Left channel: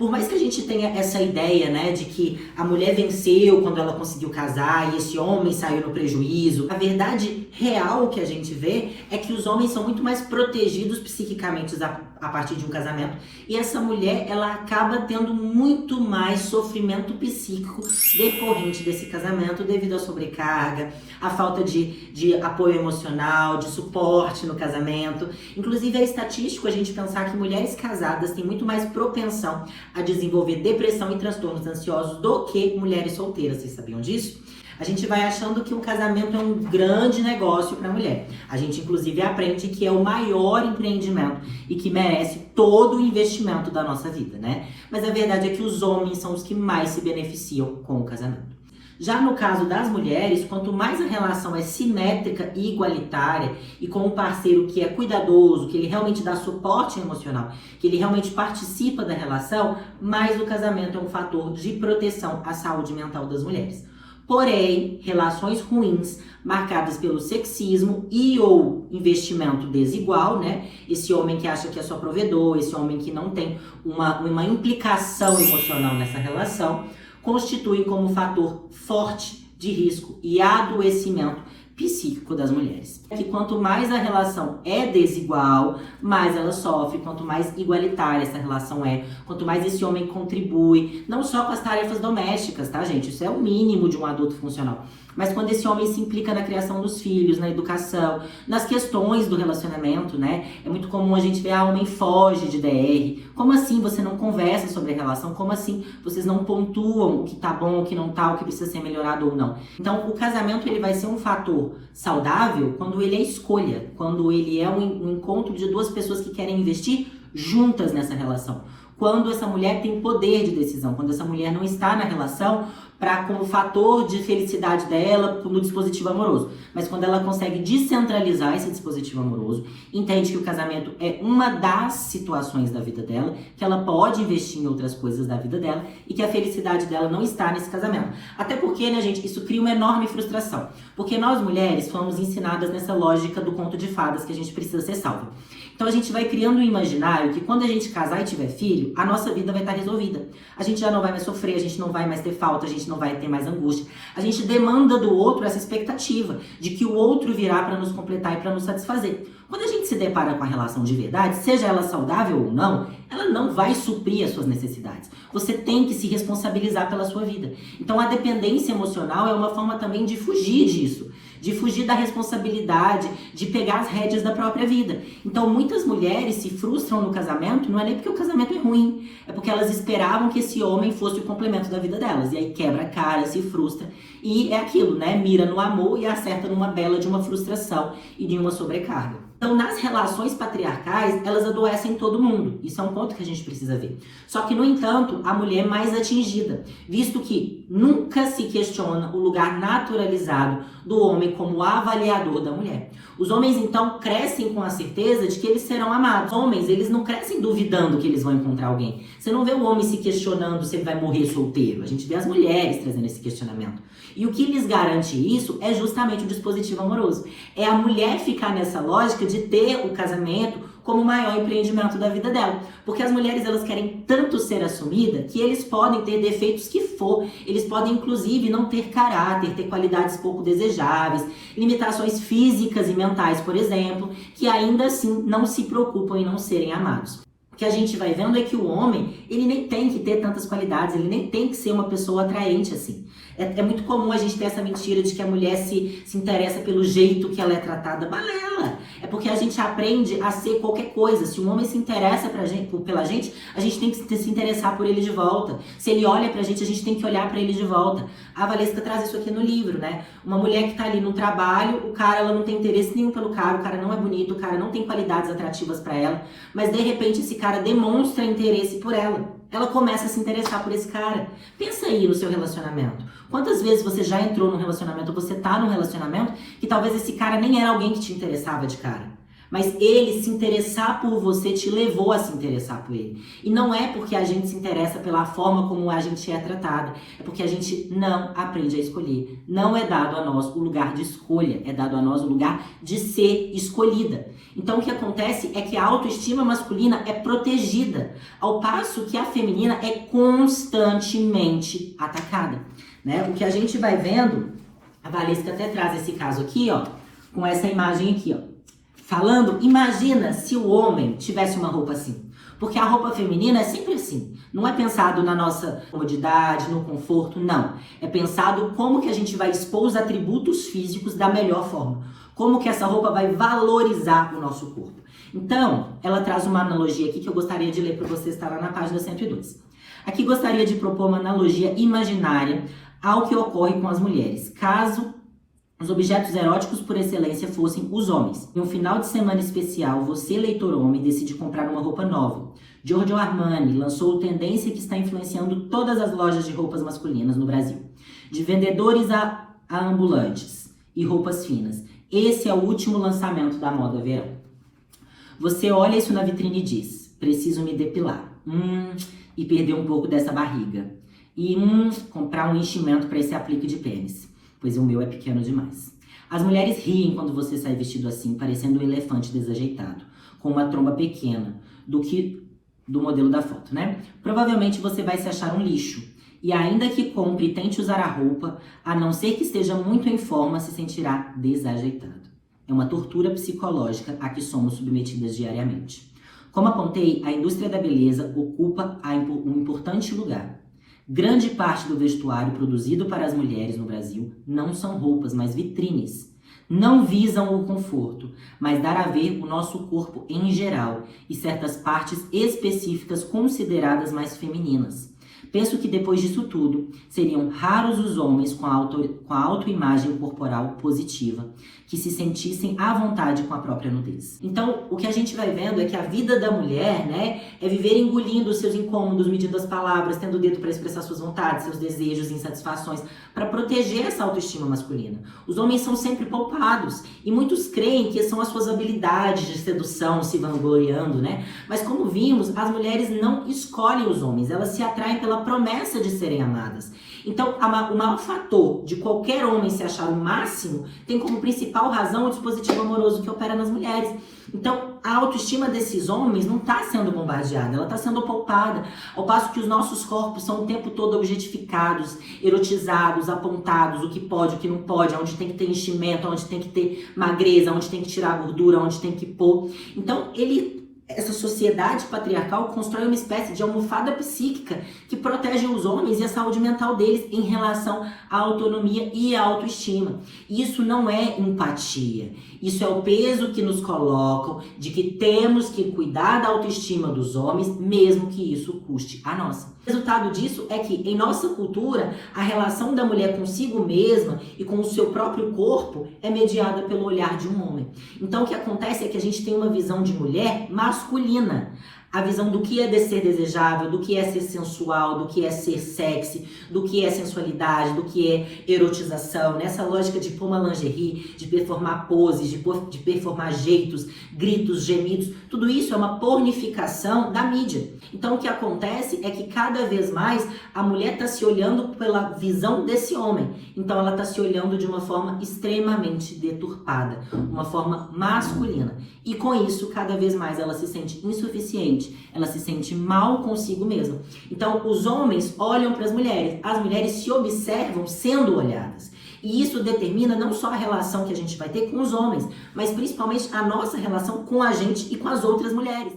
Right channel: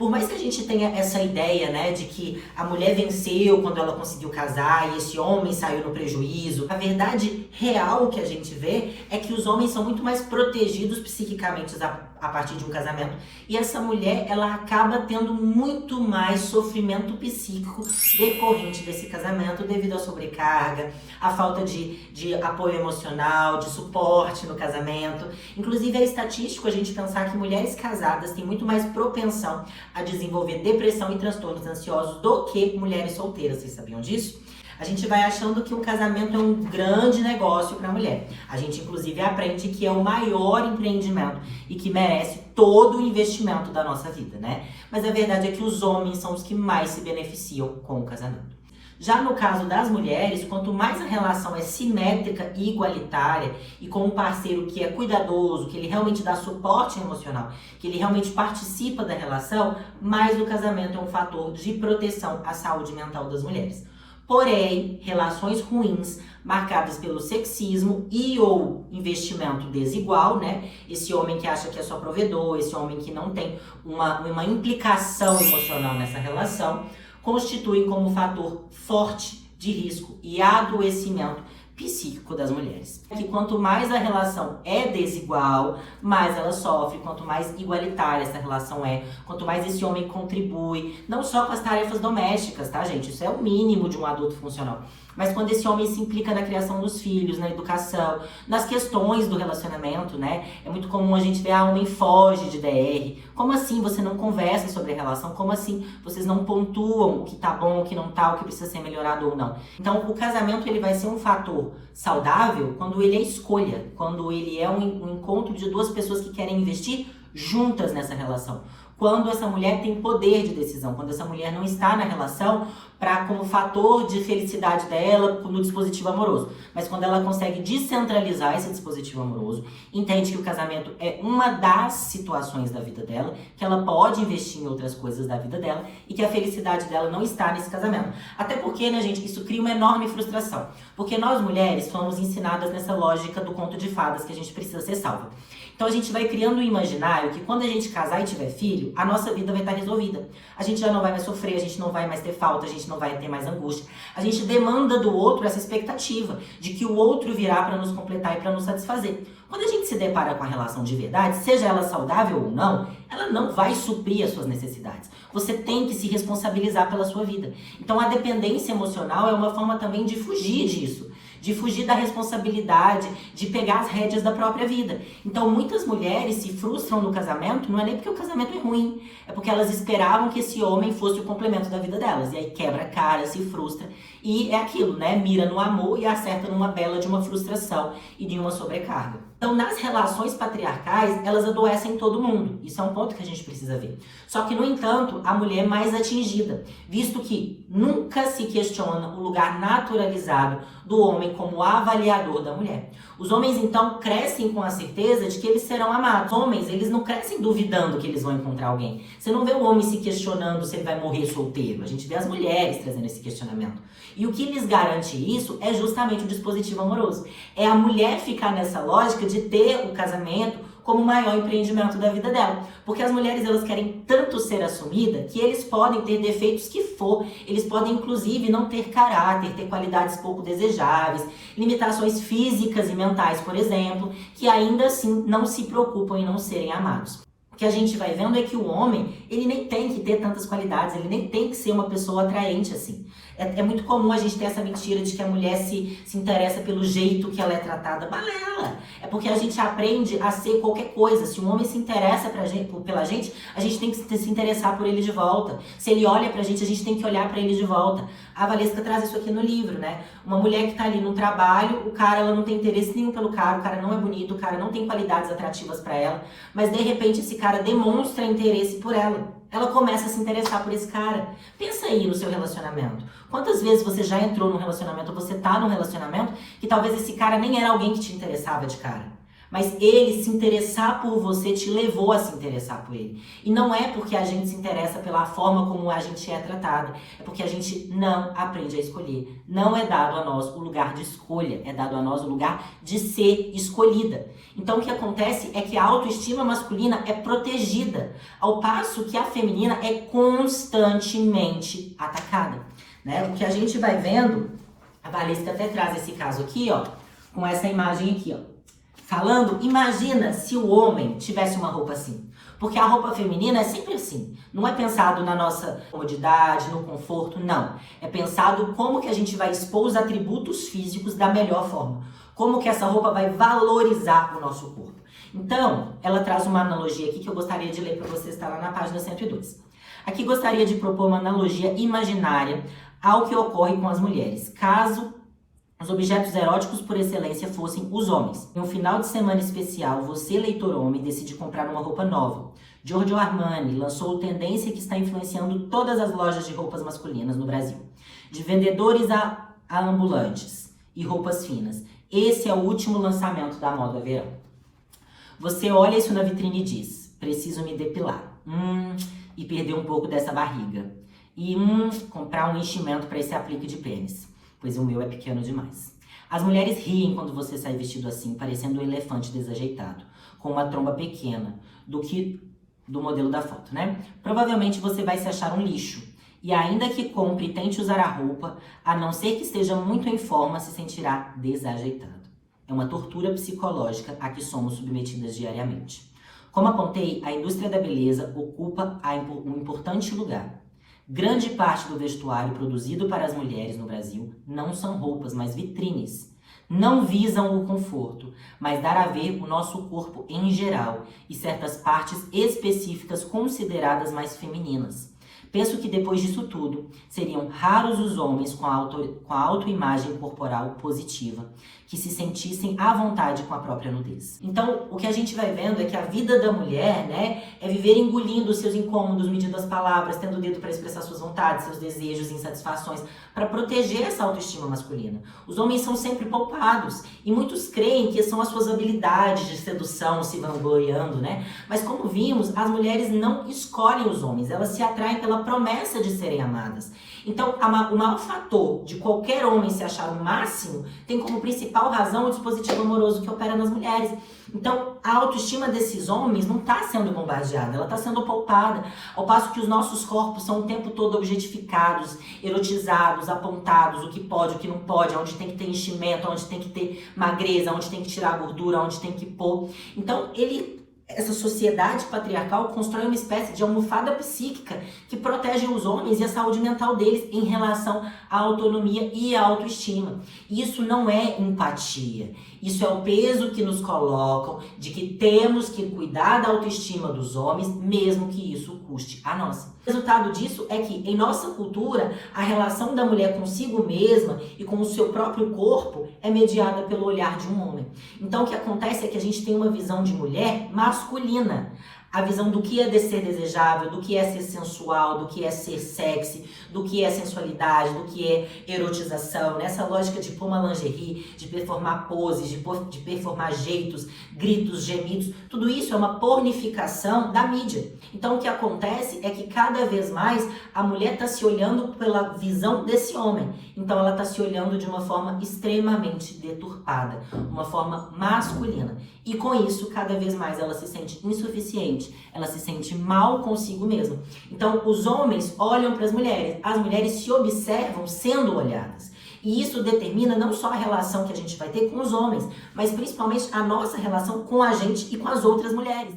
Por mais que a gente tenha essa ideia, né, de que a mulher venceu quando ela conseguiu casar e esse homem saiu no prejuízo, a verdade real que a gente vê é que os homens são muito mais protegidos psiquicamente a partir de um casamento e essa mulher, ela acaba tendo muito mais sofrimento psíquico decorrente desse casamento devido à sobrecarga, à falta de apoio emocional, de suporte no casamento. Inclusive é estatístico a gente pensar que mulheres casadas têm muito mais propensão a desenvolver depressão e transtornos ansiosos do que mulheres solteiras. Vocês sabiam disso? A gente vai achando que o casamento é um grande negócio para a mulher. A gente, inclusive, aprende que é o maior empreendimento e que merece todo o investimento da nossa vida, né? Mas a verdade é que os homens são os que mais se beneficiam com o casamento. Já no caso das mulheres, quanto mais a relação é simétrica e igualitária e com um parceiro que é cuidadoso, que ele realmente dá suporte emocional, que ele realmente participa da relação, mais o casamento é um fator de proteção à saúde mental das mulheres. Porém, relações ruins, marcadas pelo sexismo e ou investimento desigual, né? Esse homem que acha que é só provedor, esse homem que não tem uma implicação emocional nessa relação, constituem como fator forte de risco e adoecimento psíquico das mulheres. Que quanto mais a relação é desigual, mais ela sofre, quanto mais igualitária essa relação é, quanto mais esse homem contribui, não só com as tarefas domésticas, tá, gente? Isso é o mínimo de um adulto funcional. Mas quando esse homem se implica na criação dos filhos, na educação, nas questões do relacionamento, né? É muito comum a gente ver, o homem foge de DR. Como assim você não conversa sobre a relação? Como assim vocês não pontuam o que tá bom, o que não tá, o que precisa ser melhorado ou não? Então, o casamento, ele vai ser um fator saudável quando ele é escolha, quando ele é um encontro de duas pessoas que querem investir juntas nessa relação. Quando essa mulher tem poder de decisão, quando essa mulher não está na relação como fator de felicidade dela no dispositivo amoroso, mas quando ela consegue descentralizar esse dispositivo amoroso, entende que o casamento é uma das situações da vida dela, que ela pode investir em outras coisas da vida dela e que a felicidade dela não está nesse casamento. Até porque, né, gente, isso cria uma enorme frustração, porque nós mulheres fomos ensinadas nessa lógica do conto de fadas que a gente precisa ser salva. Então a gente vai criando um imaginário que quando a gente casar e tiver filho, a nossa vida vai estar resolvida. A gente já não vai mais sofrer, a gente não vai mais ter falta, a gente não vai ter mais angústia. A gente demanda do outro essa expectativa de que o outro virá para nos completar e para nos satisfazer. Quando a gente se depara com a relação de verdade, seja ela saudável ou não, ela não vai suprir as suas necessidades. Você tem que se responsabilizar pela sua vida. Então a dependência emocional é uma forma também de fugir disso, de fugir da responsabilidade, de pegar as rédeas da própria vida. Então muitas mulheres se frustram no casamento, não é nem porque o casamento é ruim, é porque elas esperavam que esse homem fosse o complemento da vida delas. E aí quebra a cara, se frustra. E é aquilo, né? Mira no amor e acerta numa bela de uma frustração e de uma sobrecarga. Então, nas relações patriarcais, elas adoecem todo mundo. Isso é um ponto que a gente precisa ver. Só que, no entanto, a mulher é mais atingida, visto que nunca se questiona o lugar naturalizado do homem como avaliador da mulher. Os homens, então, crescem com a certeza de que eles serão amados. Os homens, eles não crescem duvidando que eles vão encontrar alguém. Você não vê o homem se questionando se ele vai morrer solteiro. A gente vê as mulheres trazendo esse questionamento. E o que lhes garante isso é justamente o dispositivo amoroso. É a mulher ficar nessa lógica de ter o casamento como o maior empreendimento da vida dela. Porque as mulheres, elas querem tanto ser assumidas que eles podem ter defeitos que for. Eles podem, inclusive, não ter caráter, ter qualidades pouco desejáveis, limitações físicas e mentais, por exemplo, que ainda assim não se preocupam em não serem amados. O que a gente vai vendo é que o homem, ele nem tem que ter tantas qualidades, ele nem tem que ser uma pessoa atraente assim. É muito comum a gente ter essa mentira de que a mulher se interessa pelo jeito que ela é tratada. Balela! É porque a gente aprende a ser qualquer coisa. Se um homem se interessa pela gente, a gente tem que se interessar por ele de volta. Se ele olha pra gente, a gente tem que olhar pra ele de volta. A Valesca traz isso aqui no livro, né? Uma mulher que tá ali no trabalho, o cara, ela não tem interesse nenhum pelo cara, o cara não é bonito, o cara não tem qualidades atrativas pra ela, mas de repente esse cara demonstra interesse por ela. Ela começa a se interessar por esse cara. Pensa aí no seu relacionamento. Quantas vezes você já entrou num relacionamento, ou você tá num relacionamento, que talvez esse cara nem era alguém que te interessava de cara. Mas ele se interessar por você te levou a se interessar por ele. E não é porque a gente se interessa pela forma como a gente é tratado, é porque a gente não aprende a escolher. Não é dado a nós o lugar de escolha, é dado a nós o lugar de ser escolhida. Então o que acontece é que a autoestima masculina é protegida, ao passo que a feminina é constantemente atacada, né? O que a gente vai vendo, a Valesca até traz esse caso aqui, ó, com essa imagem aqui, ó. Falando, imagina se o homem tivesse uma roupa assim. Porque a roupa feminina é sempre assim. Não é pensado na nossa comodidade, no conforto, não. É pensado como que a gente vai expor os atributos físicos da melhor forma. Como que essa roupa vai valorizar o nosso corpo. Então, ela traz uma analogia aqui que eu gostaria de ler para vocês, está lá na página 102. Aqui gostaria de propor uma analogia imaginária ao que ocorre com as mulheres, caso os objetos eróticos por excelência fossem os homens. Em um final de semana especial, você, leitor homem, decide comprar uma roupa nova. Giorgio Armani lançou tendência que está influenciando todas as lojas de roupas masculinas no Brasil. De vendedores a ambulantes e roupas finas. Esse é o último lançamento da moda verão. Você olha isso na vitrine e diz, preciso me depilar. E perder um pouco dessa barriga. E comprar um enchimento para esse aplique de pênis. Pois o meu é pequeno demais. As mulheres riem quando você sai vestido assim, parecendo um elefante desajeitado, com uma tromba pequena, do modelo da foto, né? Provavelmente você vai se achar um lixo. E ainda que compre e tente usar a roupa, a não ser que esteja muito em forma, se sentirá desajeitado. É uma tortura psicológica a que somos submetidas diariamente. Como apontei, a indústria da beleza ocupa um importante lugar. Grande parte do vestuário produzido para as mulheres no Brasil não são roupas, mas vitrines. Não visam o conforto, mas dar a ver o nosso corpo em geral e certas partes específicas consideradas mais femininas. Penso que depois disso tudo, seriam raros os homens com a autoimagem corporal positiva, que se sentissem à vontade com a própria nudez. Então, o que a gente vai vendo é que a vida da mulher, né, é viver engolindo os seus incômodos, medindo as palavras, tendo o dedo para expressar suas vontades, seus desejos e insatisfações, para proteger essa autoestima masculina. Os homens são sempre poupados, e muitos creem que são as suas habilidades de sedução se vangloriando, né? Mas como vimos, as mulheres não escolhem os homens, elas se atraem pela promessa de serem amadas. Então, o maior fator de qualquer homem se achar o máximo tem como principal razão o dispositivo amoroso que opera nas mulheres. Então, a autoestima desses homens não está sendo bombardeada, ela está sendo poupada, ao passo que os nossos corpos são o tempo todo objetificados, erotizados, apontados, o que pode, o que não pode, onde tem que ter enchimento, onde tem que ter magreza, onde tem que tirar gordura, onde tem que pôr. Então, essa sociedade patriarcal constrói uma espécie de almofada psíquica que protege os homens e a saúde mental deles em relação à autonomia e à autoestima. Isso não é empatia. Isso é o peso que nos colocam de que temos que cuidar da autoestima dos homens, mesmo que isso custe a nossa. O resultado disso é que, em nossa cultura, a relação da mulher consigo mesma e com o seu próprio corpo é mediada pelo olhar de um homem. Então, o que acontece é que a gente tem uma visão de mulher masculina. A visão do que é ser desejável, do que é ser sensual, do que é ser sexy, do que é sensualidade, do que é erotização, nessa lógica de pôr uma lingerie, de performar poses, de performar jeitos, gritos, gemidos, tudo isso é uma pornificação da mídia. Então o que acontece é que cada vez mais a mulher está se olhando pela visão desse homem. Então ela está se olhando de uma forma extremamente deturpada, uma forma masculina. E com isso, cada vez mais ela se sente insuficiente, ela se sente mal consigo mesma. Então, os homens olham para as mulheres se observam sendo olhadas. E isso determina não só a relação que a gente vai ter com os homens, mas principalmente a nossa relação com a gente e com as outras mulheres.